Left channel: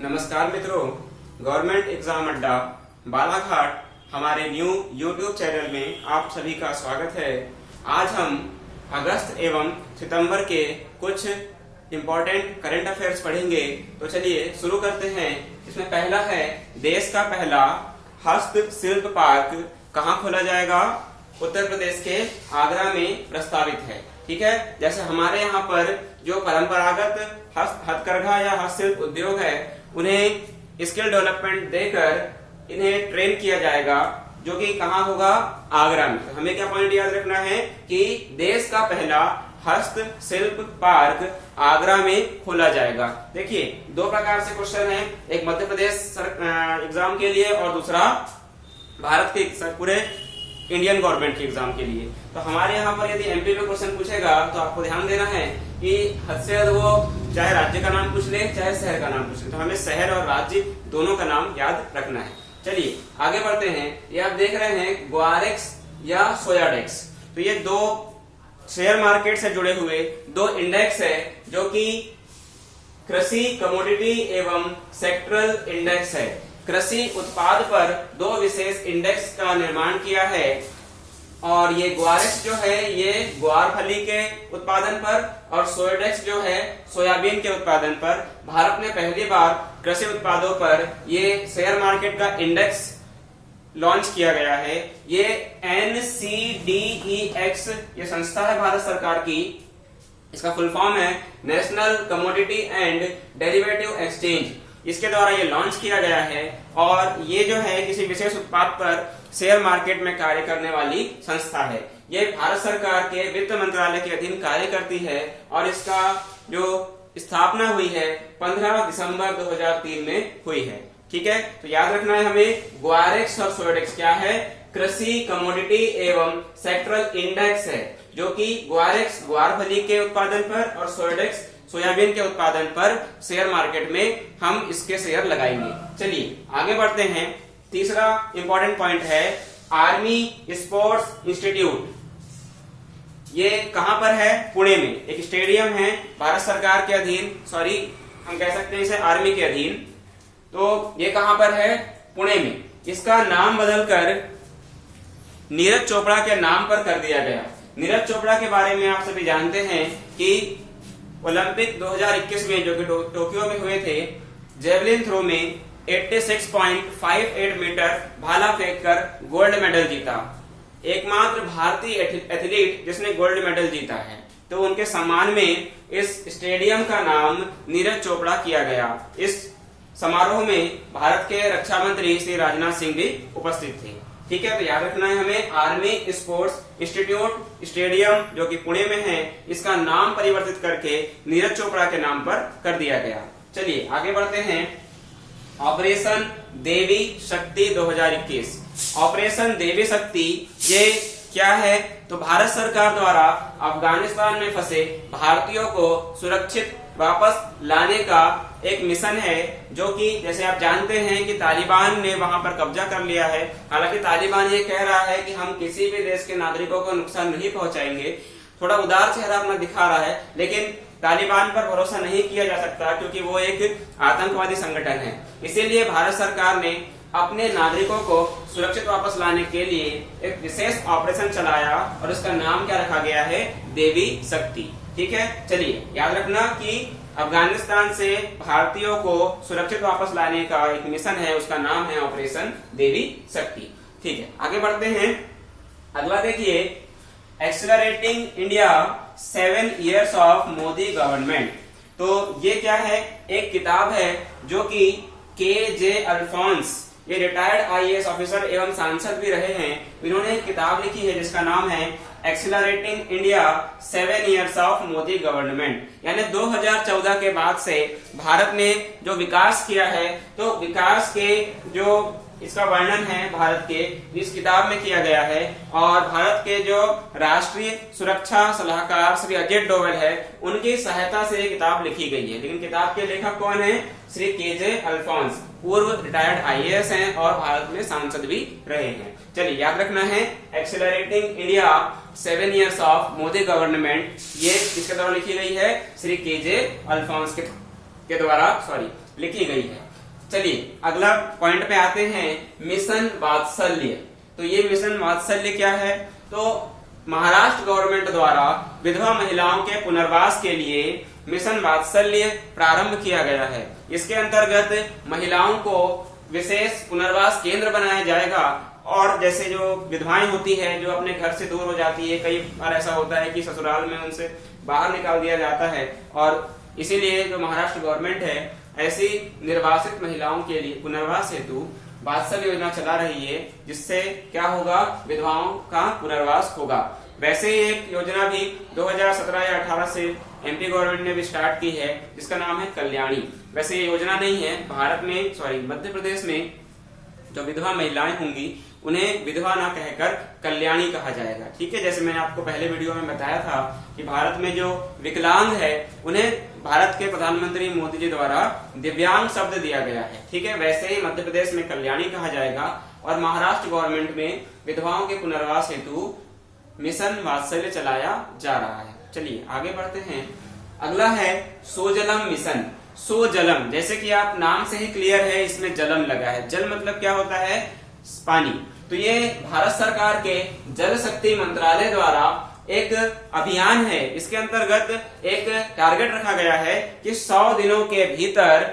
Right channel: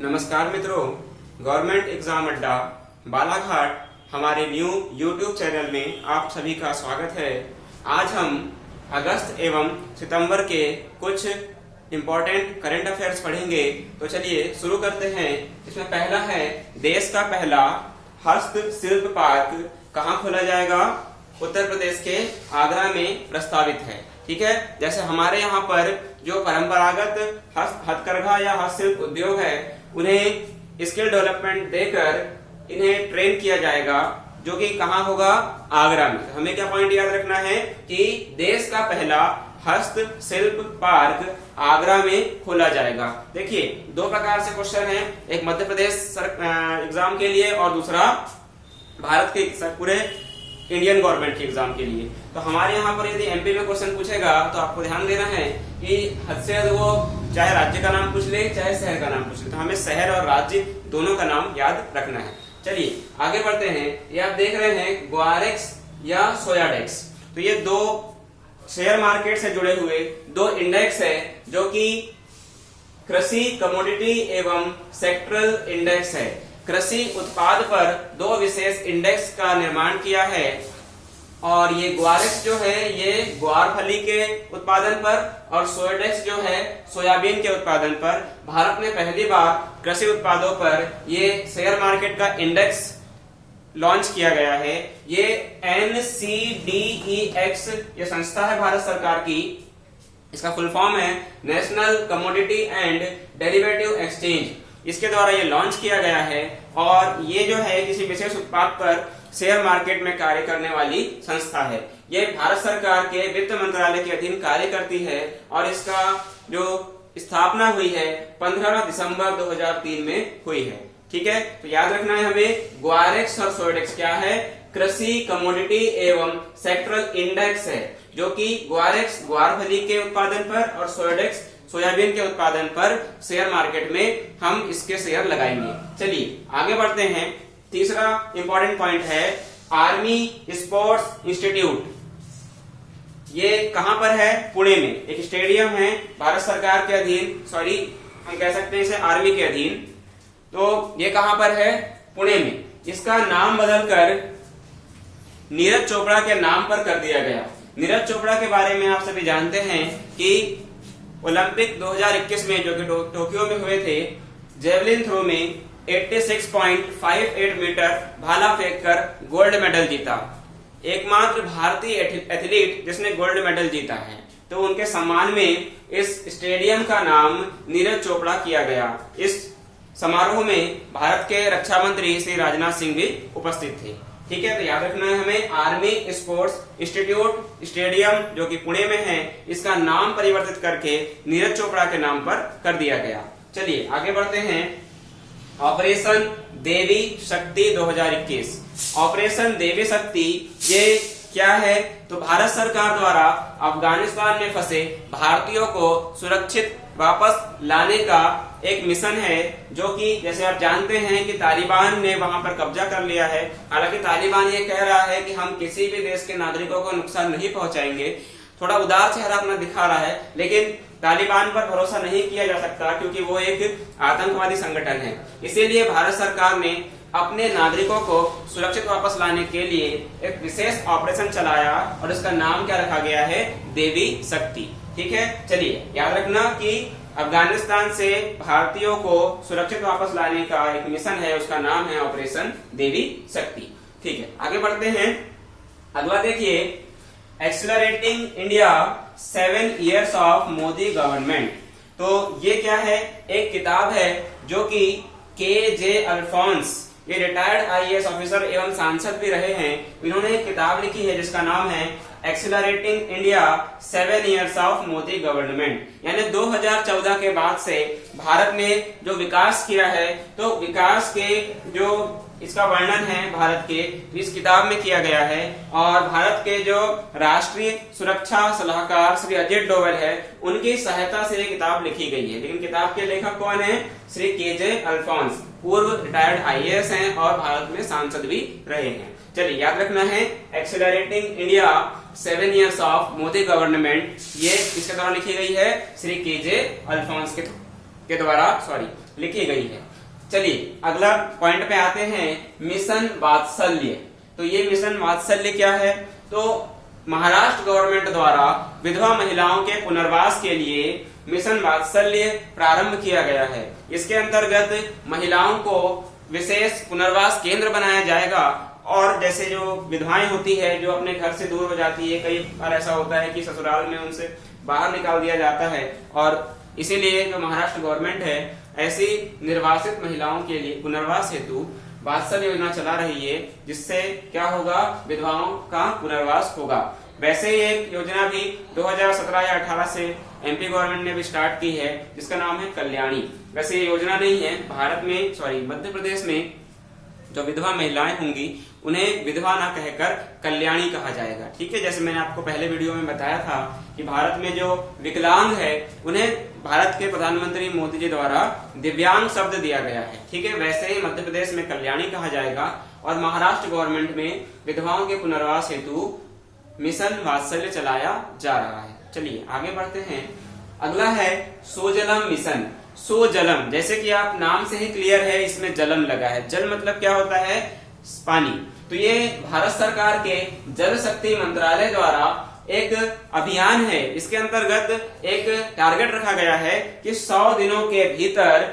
नमस्कार मित्रों, government exam अड्डा बालाघाट हमारे न्यू यूट्यूब चैनल में आप सभी का स्वागत है। आज हम अगस्त एवं सितंबर के कुछ इम्पोर्टेंट करंट अफेयर्स पढ़ेंगे। तो चलिए शुरू करते हैं। इसमें पहला है, देश का पहला हस्तशिल्प पार्क कहाँ खोला जाएगा? उत्तर प्रदेश के आगरा में प्रस्तावित है। ठीक है, जैसे हमारे यहाँ पर जो परंपरागत हथकरघा या हस्तशिल्प उद्योग है, उन्हें स्किल डेवलपमेंट देकर इन्हें ट्रेन किया जाएगा, जो कि कहाँ होगा? आगरा में। हमें क्या पॉइंट याद रखना है कि देश का पहला हस्तशिल्प पार्क आगरा में खोला जाएगा। देखिए, दो प्रकार से क्वेश्चन है, एक मध्य प्रदेश एग्जाम के लिए और दूसरा भारत के पूरे इंडियन गवर्नमेंट के एग्जाम के लिए। तो हमारे यहाँ पर यदि एमपी में क्वेश्चन पूछेगा तो आपको ध्यान देना है कि हद से वो चाहे राज्य का नाम पूछ ले चाहे शहर का नाम पूछ ले, तो हमें शहर और राज्य दोनों का नाम याद रखना है। चलिए आगे बढ़ते हैं। ये आप देख रहे हैं ग्वारेक्स या सोयाडेक्स। तो ये दो शेयर मार्केट से जुड़े हुए दो इंडेक्स है, जो कि कृषि कमोडिटी एवं सेक्टरल इंडेक्स है। कृषि उत्पाद पर दो विशेष इंडेक्स का निर्माण किया है, और ये ग्वारेक्स जो है ये ग्वार फली के उत्पादन पर और सोयाडेक्स जो है सोयाबीन के उत्पादन पर भारत में पहली बार कृषि उत्पादों पर ये शेयर मार्केट का इंडेक्स लॉन्च किया गया है। ये NCDEX ये संस्था है भारत सरकार की। इसका फुल फॉर्म है national commodity and derivative exchange. इसके द्वारा ये लॉन्च किया गया है, और ये जो है किसी विशेष उत्पाद पर शेयर मार्केट में कार्य करने वाली संस्था है। ये भारत सरकार के वित्त मंत्रालय के अधीन कार्य करती है, और इसका जो स्थापना हुई है 15 दिसंबर 2003 में हुई है। ठीक है, तो याद रखना है हमें, ग्वारेक्स और सोयाडेक्स क्या है? कृषि कमोडिटी एवं सेक्टरल इंडेक्स है, जो कि ग्वारेक्स ग्वार फली के उत्पादन पर और सोयाडेक्स सोयाबीन के उत्पादन पर शेयर मार्केट में हम इसके शेयर लगाएंगे। चलिए आगे बढ़ते हैं। तीसरा इंपॉर्टेंट पॉइंट है आर्मी स्पोर्ट्स इंस्टीट्यूट। ये कहां पर है? पुणे में एक स्टेडियम है भारत सरकार के अधीन, सॉरी हम कह सकते हैं इसे आर्मी के अधीन। तो ये कहां पर है? पुणे में। इसका नाम बदलकर नीरज चोपड़ा के नाम पर कर दिया गया। नीरज चोपड़ा के बारे में आप सभी जानते हैं कि ओलंपिक 2021 में जो कि टोक्यो में हुए थे, जेवलिन थ्रो में 86.58 मीटर भाला फेंककर गोल्ड मेडल जीता। एकमात्र भारतीय एथलीट जिसने गोल्ड मेडल जीता है। तो उनके सम्मान में इस स्टेडियम का नाम नीरज चोपड़ा किया गया। इस समारोह में भारत के रक्षा मंत्री श्री राजनाथ सिंह भी उपस्थित थे। ठीक है, तो याद रखना है हमें, आर्मी स्पोर्ट्स इंस्टीट्यूट स्टेडियम जो कि पुणे में है, इसका नाम परिवर्तित करके नीरज चोपड़ा के नाम पर कर दिया गया। चलिए आगे बढ़ते हैं। ऑपरेशन देवी शक्ति 2021। ऑपरेशन देवी शक्ति ये क्या है? तो भारत सरकार द्वारा अफगानिस्तान में फंसे भारतीयों को सुरक्षित वापस लाने का एक मिशन है, जो कि जैसे आप जानते हैं कि तालिबान ने वहां पर कब्जा कर लिया है। हालांकि तालिबान ये कह रहा है कि हम किसी भी देश के नागरिकों को नुकसान नहीं पहुंचाएंगे। थोड़ा उदार चेहरा अपना दिखा रहा है, लेकिन तालिबान पर भरोसा नहीं किया जा सकता, क्योंकि वो एक आतंकवादी संगठन है। इसीलिए भारत सरकार ने अपने नागरिकों को सुरक्षित वापस लाने के लिए एक विशेष ऑपरेशन चलाया, और इसका नाम क्या रखा गया है? देवी शक्ति। ठीक है, चलिए याद रखना कि अफगानिस्तान से भारतीयों को सुरक्षित वापस लाने का एक मिशन है, उसका नाम है ऑपरेशन देवी शक्ति। ठीक है, आगे बढ़ते हैं। अगला देखिए, accelerating India 7 years of Modi government. तो ये क्या है? एक किताब है जो कि KJ अल्फोंस, ये रिटायर्ड IAS ऑफिसर एवं सांसद भी रहे हैं। इन्होंने एक किताब लिखी है जिसका नाम है accelerating India 7 years of Modi government. यानी 2014 के बाद से भारत ने जो विकास किया है, तो विकास के जो इसका वर्णन है भारत के इस किताब में किया गया है। और भारत के जो राष्ट्रीय सुरक्षा सलाहकार श्री अजय डोवल है, उनकी सहायता से ये किताब लिखी गई है। लेकिन किताब के लेखक कौन है? श्री KJ अल्फोंस, पूर्व रिटायर्ड IAS हैं और भारत में सांसद भी रहे हैं। चलिए याद रखना है, accelerating India 7 years of Modi government, ये किसके द्वारा लिखी गई है? श्री KJ अल्फोंस के के द्वारा लिखी गई है। चलिए अगला पॉइंट पे आते हैं, मिशन वात्सल्य। तो ये मिशन वात्सल्य क्या है? तो महाराष्ट्र गवर्नमेंट द्वारा विधवा महिलाओं के पुनर्वास के लिए मिशन वात्सल्य प्रारंभ किया गया है। इसके अंतर्गत महिलाओं को विशेष पुनर्वास केंद्र बनाया जाएगा, और जैसे जो विधवाएं होती है जो अपने घर से दूर हो जाती है, कई बार ऐसा होता है कि ससुराल में उनसे बाहर निकाल दिया जाता है, और इसीलिए जो महाराष्ट्र गवर्नमेंट है ऐसी निर्वासित महिलाओं के लिए पुनर्वास हेतु वात्सल्य योजना चला रही है, जिससे क्या होगा, विधवाओं का पुनर्वास होगा। वैसे ही एक योजना भी 2017 या 18 से एमपी गवर्नमेंट ने भी स्टार्ट की है, जिसका नाम है कल्याणी। वैसे ये योजना नहीं है, भारत में मध्य प्रदेश में जो विधवा महिलाएं होंगी उन्हें विधवा ना कहकर कल्याणी कहा जाएगा। ठीक है, जैसे मैंने आपको पहले वीडियो में बताया था कि भारत में जो विकलांग है उन्हें भारत के प्रधानमंत्री मोदी जी द्वारा दिव्यांग शब्द दिया गया है। ठीक है, वैसे ही मध्य प्रदेश में कल्याणी कहा जाएगा, और महाराष्ट्र गवर्नमेंट में विधवाओं के पुनर्वास हेतु मिशन वात्सल्य चलाया जा रहा है। चलिए आगे बढ़ते हैं। अगला है सोजलम मिशन। सोजलम, जैसे कि आप नाम से ही क्लियर है, इसमें जलम लगा है। जल मतलब क्या होता है? पानी। तो ये भारत सरकार के जल शक्ति मंत्रालय द्वारा एक अभियान है। इसके अंतर्गत एक टारगेट रखा गया है कि 100 दिनों के भीतर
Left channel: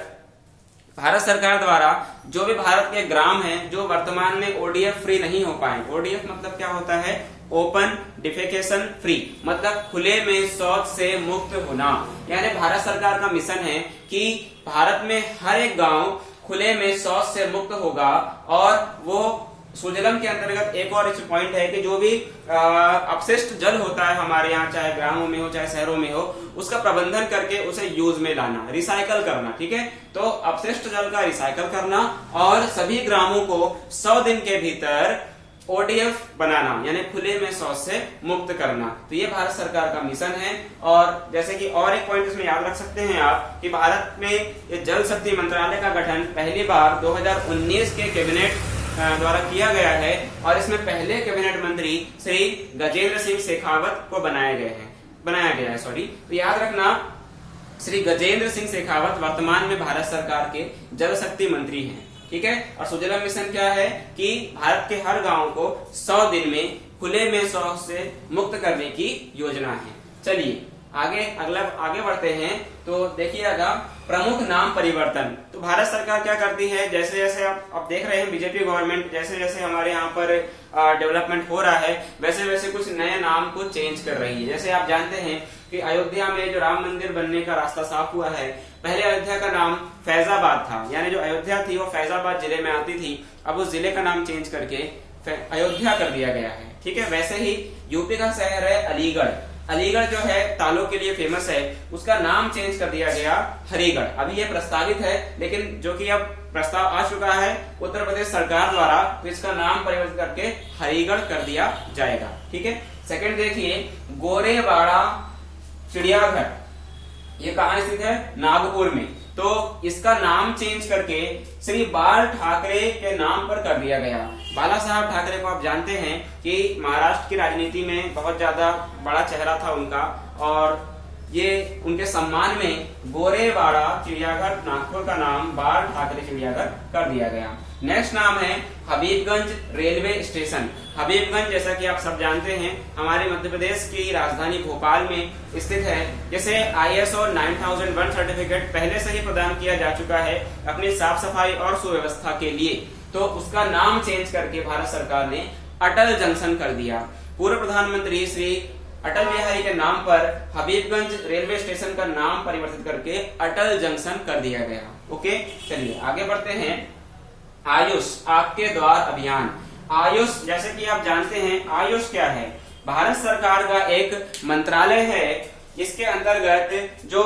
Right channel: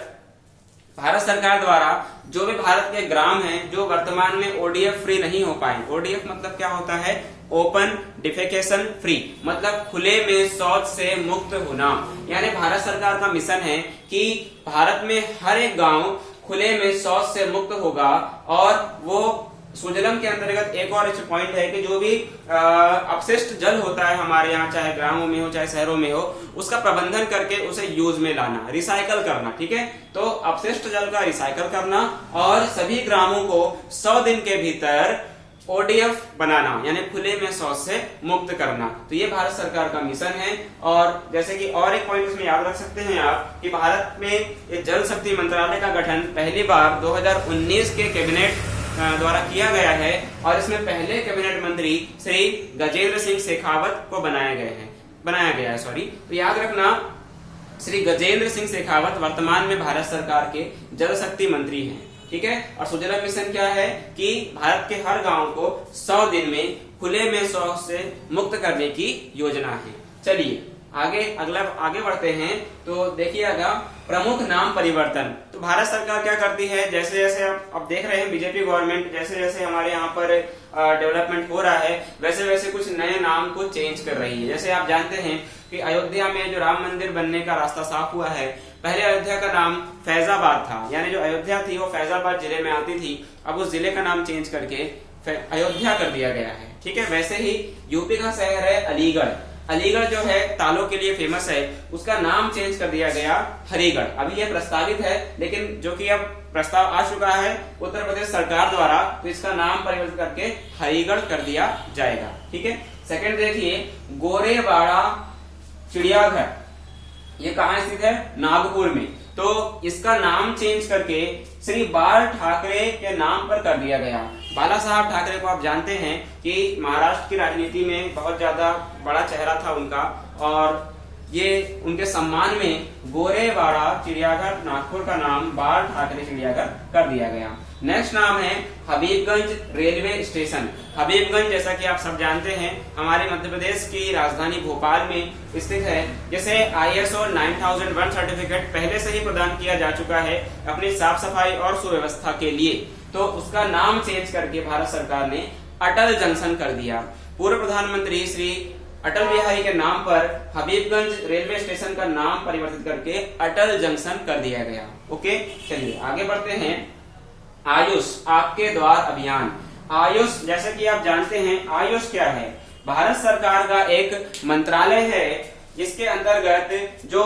भारत सरकार द्वारा जो भी भारत के ग्राम हैं जो वर्तमान में ओडीएफ फ्री नहीं हो पाए, ओडीएफ मतलब क्या होता है? ओपन डिफेकेशन फ्री, मतलब खुले में शौच से मुक्त होना। यानी भारत सरकार का मिशन है कि भारत में हर एक गांव खुले में शौच से मुक्त होगा, और वो सुजलम के अंतर्गत एक और पॉइंट है कि जो भी अपशिष्ट जल होता है हमारे यहाँ, चाहे ग्रामों में हो चाहे शहरों में हो, उसका प्रबंधन करके उसे यूज में लाना, रिसाइकल करना। ठीक है, तो अपशिष्ट जल का रिसाइकल करना और सभी ग्रामों को 100 दिन के भीतर ओडीएफ बनाना, यानी खुले में शौच से मुक्त करना। तो ये भारत सरकार का मिशन है। और जैसे कि और एक पॉइंट इसमें याद रख सकते हैं आप कि भारत में जल शक्ति मंत्रालय का गठन पहली बार 2019 के कैबिनेट द्वारा किया गया है, और इसमें पहले कैबिनेट मंत्री श्री गजेंद्र सिंह शेखावत को बनाया गया है। तो याद रखना, श्री गजेंद्र सिंह शेखावत वर्तमान में भारत सरकार के जल शक्ति मंत्री हैं। ठीक है, और सुजलम मिशन क्या है कि भारत के हर गांव को 100 दिन में खुले में शौच से मुक्त करने की योजना है। चलिए आगे बढ़ते हैं। तो देखिएगा, प्रमुख नाम परिवर्तन। तो भारत सरकार क्या करती है, जैसे जैसे आप देख रहे हैं बीजेपी गवर्नमेंट जैसे जैसे हमारे यहाँ पर डेवलपमेंट हो रहा है, वैसे वैसे कुछ नए नाम को चेंज कर रही है। जैसे आप जानते हैं कि अयोध्या में जो राम मंदिर बनने का रास्ता साफ हुआ है, पहले अयोध्या का नाम फैजाबाद था, यानी जो अयोध्या थी वो फैजाबाद जिले में आती थी। अब उस जिले का नाम चेंज करके अयोध्या कर दिया गया है। ठीक है, वैसे ही यूपी का शहर है अलीगढ़। अलीगढ़ जो है तालों के लिए फेमस है, उसका नाम चेंज कर दिया गया हरिगढ़। अभी ये प्रस्तावित है, लेकिन जो कि अब प्रस्ताव आ चुका है उत्तर प्रदेश सरकार द्वारा, तो इसका नाम परिवर्तित करके हरिगढ़ कर दिया जाएगा। ठीक है, सेकंड देखिए, गोरेवाड़ा चिड़ियाघर, ये कहाँ स्थित है? नागपुर में। तो इसका नाम चेंज करके श्री बाल ठाकरे के नाम पर कर दिया गया। बाला साहब ठाकरे को आप जानते हैं कि महाराष्ट्र की राजनीति में बहुत ज्यादा बड़ा चेहरा था उनका, और ये उनके सम्मान में गोरेवाड़ा चिड़ियाघर नागपुर का नाम बाल ठाकरे चिड़ियाघर कर दिया गया। नेक्स्ट नाम है हबीबगंज रेलवे स्टेशन। हबीबगंज जैसा कि आप सब जानते हैं हमारे मध्य प्रदेश की राजधानी भोपाल में स्थित है। जैसे ISO 9001 सर्टिफिकेट पहले से ही प्रदान किया जा चुका है अपनी साफ सफाई और सुव्यवस्था के लिए, तो उसका नाम चेंज करके भारत सरकार ने अटल जंक्शन कर दिया। पूर्व प्रधानमंत्री श्री अटल बिहारी के नाम पर हबीबगंज रेलवे स्टेशन का नाम परिवर्तित करके अटल जंक्शन कर दिया गया। ओके, चलिए आगे बढ़ते हैं। आयुष आपके द्वार अभियान। आयुष, जैसे कि आप जानते हैं आयुष क्या है? भारत सरकार का एक मंत्रालय है, जिसके अंतर्गत जो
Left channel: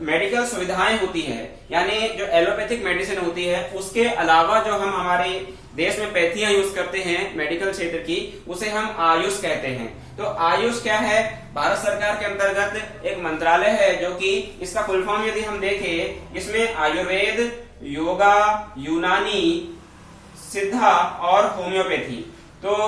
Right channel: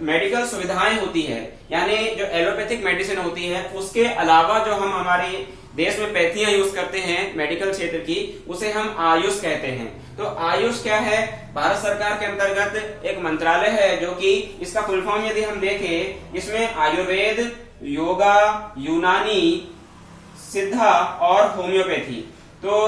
मेडिकल सुविधाएं होती है, यानी जो एलोपैथिक मेडिसिन होती है, उसके अलावा जो हम हमारे देश में पैथियां यूज करते हैं मेडिकल क्षेत्र की, उसे हम आयुष कहते हैं। तो आयुष क्या है? भारत सरकार के अंतर्गत एक मंत्रालय है, जो कि इसका फुल फॉर्म यदि हम देखें, इसमें आयुर्वेद, योगा, यूनानी, सिद्धा और होम्योपैथी, तो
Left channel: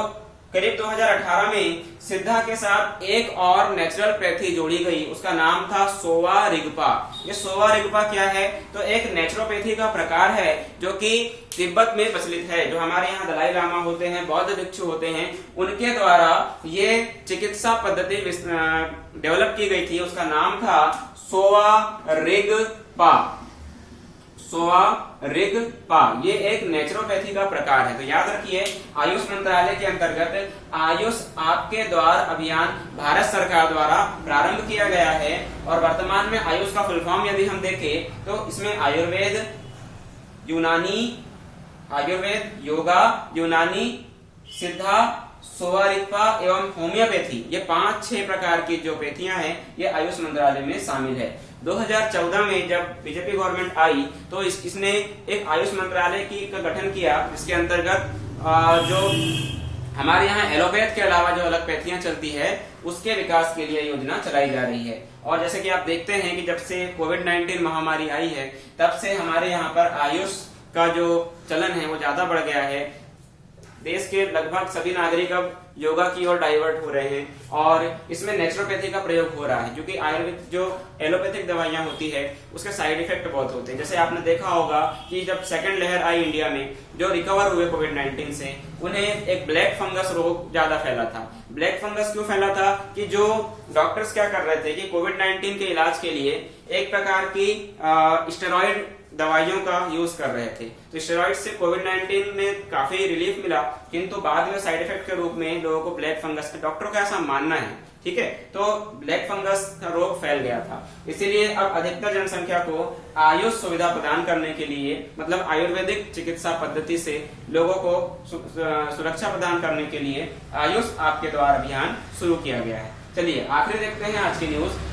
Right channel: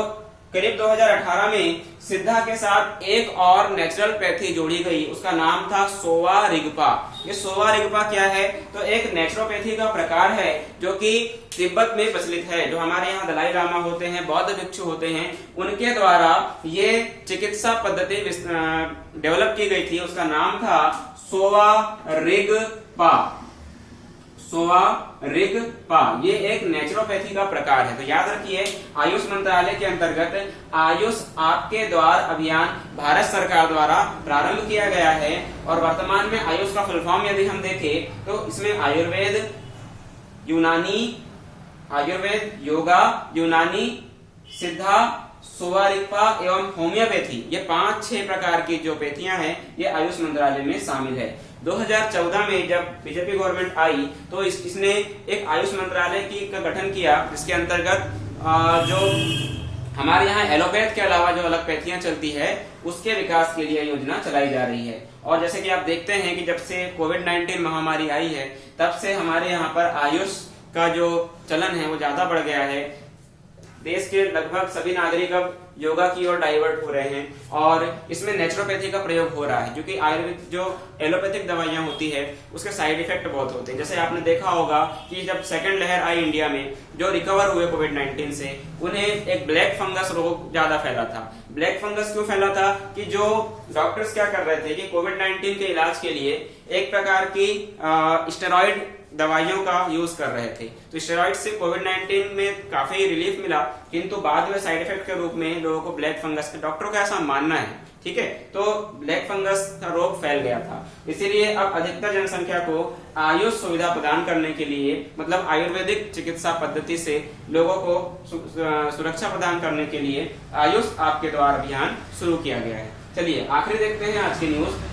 करीब 2018 में सिद्धा के साथ एक और नेचुरल पैथी जोड़ी गई, उसका नाम था सोवा रिगपा। ये सोवा रिगपा क्या है? तो एक नेचुरोपैथी का प्रकार है जो कि तिब्बत में प्रचलित है। जो हमारे यहाँ दलाई लामा होते हैं, बौद्ध भिक्षु होते हैं, उनके द्वारा ये चिकित्सा पद्धति डेवलप की गई थी। उसका नाम था सोवा रिगपा। सोवा रिगपा ये एक नेचुरोपैथी का प्रकार है। तो याद रखिए, आयुष मंत्रालय के अंतर्गत आयुष आपके द्वार अभियान भारत सरकार द्वारा प्रारंभ किया गया है। और वर्तमान में आयुष का फुल फॉर्म यदि हम देखें तो इसमें आयुर्वेद, यूनानी, आयुर्वेद, योगा, यूनानी, सिद्धा, सोवा रिगपा एवं होम्योपैथी, ये 5-6 प्रकार की जो पैथियां हैं ये आयुष मंत्रालय में शामिल है। 2014 में जब बीजेपी गवर्नमेंट आई तो इसने एक आयुष मंत्रालय का गठन किया, जिसके अंतर्गत जो हमारे यहाँ एलोपैथ के अलावा जो अलग पैथियां चलती है उसके विकास के लिए योजना चलाई जा रही है। और जैसे कि आप देखते हैं कि जब से कोविड-19 महामारी आई है तब से हमारे यहाँ पर आयुष का जो चलन है वो ज्यादा बढ़ गया है। देश के लगभग सभी नागरिक अब योगा की ओर डाइवर्ट हो रहे हैं और इसमें नेचुरोपैथी का प्रयोग हो रहा है, क्योंकि आयुर्वेद जो एलोपैथिक दवाइयां होती है उसके साइड इफेक्ट बहुत होते हैं। जैसे आपने देखा होगा कि जब सेकंड लहर आई इंडिया में, जो रिकवर हुए कोविड-19 से, उन्हें एक ब्लैक फंगस रोग ज्यादा फैला था। ब्लैक फंगस क्यों फैला था? कि जो डॉक्टर्स क्या कर रहे थे कि कोविड-19 के इलाज के लिए एक प्रकार की स्टेरॉइड दवाइयों का यूज कर रहे थे। तो स्टेरॉइड से कोविड-19 में काफी रिलीफ मिला, किंतु बाद में साइड इफेक्ट के रूप में लोगों को ब्लैक फंगस, डॉक्टरों का ऐसा मानना है, ठीक है, तो ब्लैक फंगस का रोग फैल गया था। इसीलिए अब अधिकतर जनसंख्या को आयुष सुविधा प्रदान करने के लिए, मतलब आयुर्वेदिक चिकित्सा पद्धति से लोगों को सुरक्षा प्रदान करने के लिए आयुष आपके द्वार अभियान शुरू किया गया है। चलिए आखिरी देखते हैं आज की न्यूज।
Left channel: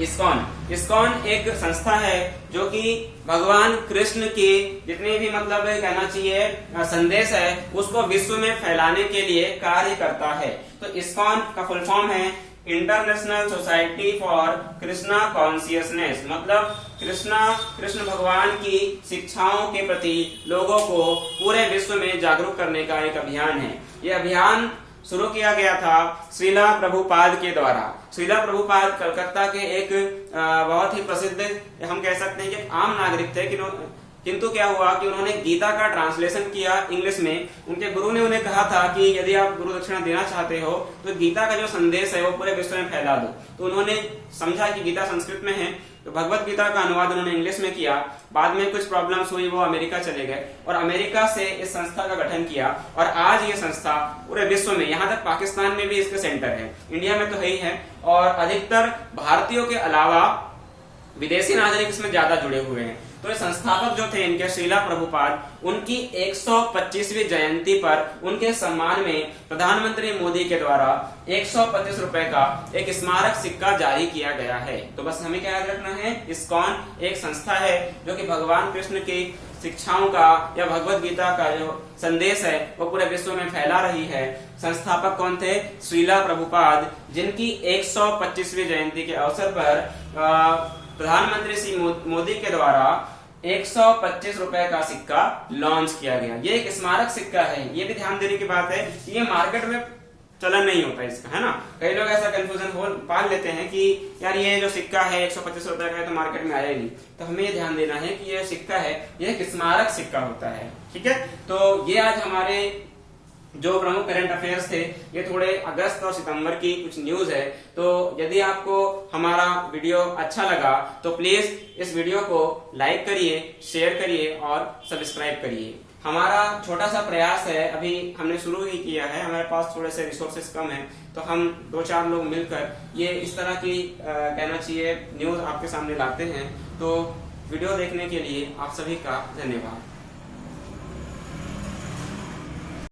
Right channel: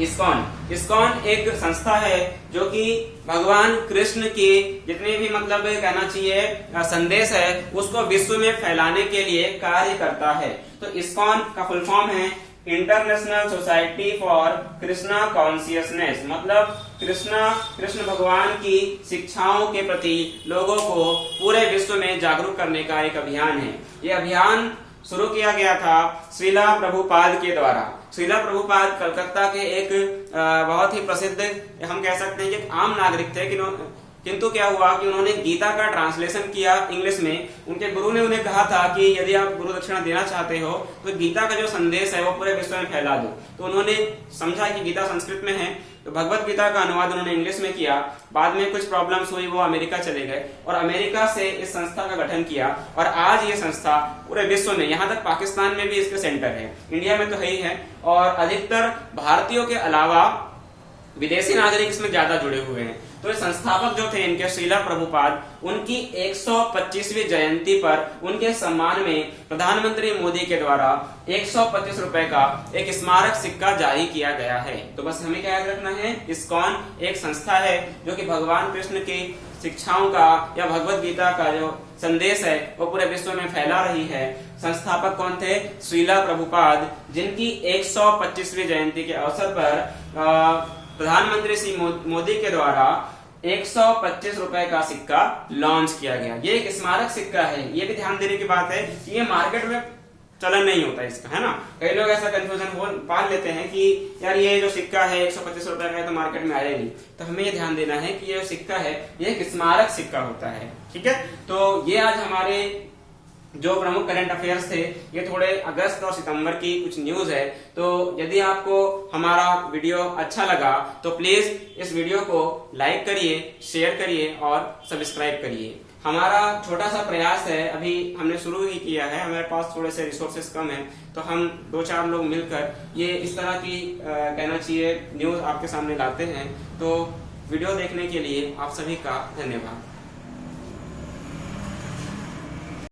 इस्कॉन एक संस्था है जो कि भगवान कृष्ण के जितने भी मतलब कहना चाहिए संदेश है उसको विश्व में फैलाने के लिए कार्य करता है। तो इस्कॉन का फुल फॉर्म है international society for Krishna consciousness, मतलब कृष्ण भगवान की शिक्षाओं के प्रति लोगों को पूरे विश्व में जागरूक करने का एक अभियान है। यह अभियान शुरू किया गया था श्रीला प्रभुपाद के द्वारा। श्रीला प्रभुपाद कलकत्ता के एक बहुत ही प्रसिद्ध, हम कह सकते हैं कि आम नागरिक थे, किंतु क्या हुआ कि उन्होंने गीता का ट्रांसलेशन किया इंग्लिश में। उनके गुरु ने उन्हें कहा था कि यदि आप गुरु दक्षिणा देना चाहते हो तो गीता का जो संदेश है वो पूरे विश्व में फैला दो। तो उन्होंने समझा कि गीता संस्कृत में है, तो भगवत गीता का अनुवाद उन्होंने इंग्लिश में किया। बाद में कुछ प्रॉब्लम्स हुई, वो अमेरिका चले गए और अमेरिका से इस संस्था का गठन किया। और आज ये संस्था पूरे विश्व में, यहाँ तक पाकिस्तान में भी इसके सेंटर है, इंडिया में तो है ही है, और अधिकतर भारतीयों के अलावा विदेशी नागरिक इसमें ज्यादा जुड़े हुए हैं। तो संस्थापक जो थे इनके श्रीला प्रभुपाद, उनकी 125वीं जयंती पर उनके सम्मान में प्रधानमंत्री मोदी के द्वारा 125 रुपए का एक स्मारक सिक्का जारी किया गया है। तो बस हमें क्या याद रखना है, इस्कॉन एक संस्था है जो कि भगवान कृष्ण की शिक्षाओं का या भगवत गीता का जो संदेश है वो पूरे विश्व में फैला रही है। संस्थापक कौन थे? श्रीला प्रभुपाद, जिनकी 125वीं जयंती के अवसर पर प्रधानमंत्री श्री मोदी के द्वारा 125 रुपए का सिक्का लॉन्च किया गया। ये एक स्मारक सिक्का है। ये भी ध्यान देने की बात है कि ये मार्केट में चलन नहीं होता इसका, है ना। कई लोग ऐसा कंफ्यूजन पाल लेते हैं कि यार ये जो सिक्का है 125 रुपए का है तो मार्केट में आया ही नहीं। तो हमें ये ध्यान देना है कि ये सिक्का है, ये एक स्मारक सिक्का होता है, ठीक है। तो ये आज हमारे जो प्रमुख करंट अफेयर्स थे, ये थोड़े अगस्त और सितंबर की कुछ न्यूज है। तो यदि आपको हमारा वीडियो अच्छा लगा तो प्लीज इस वीडियो को लाइक करिए, शेयर करिए और सब्सक्राइब करिए। हमारा छोटा सा प्रयास है, अभी हमने शुरू ही किया है, हमारे पास थोड़े से रिसोर्सेस कम हैं, तो हम 2-4 लोग मिलकर ये इस तरह की कहना चाहिए न्यूज आपके सामने लाते हैं। तो वीडियो देखने के लिए आप सभी का धन्यवाद।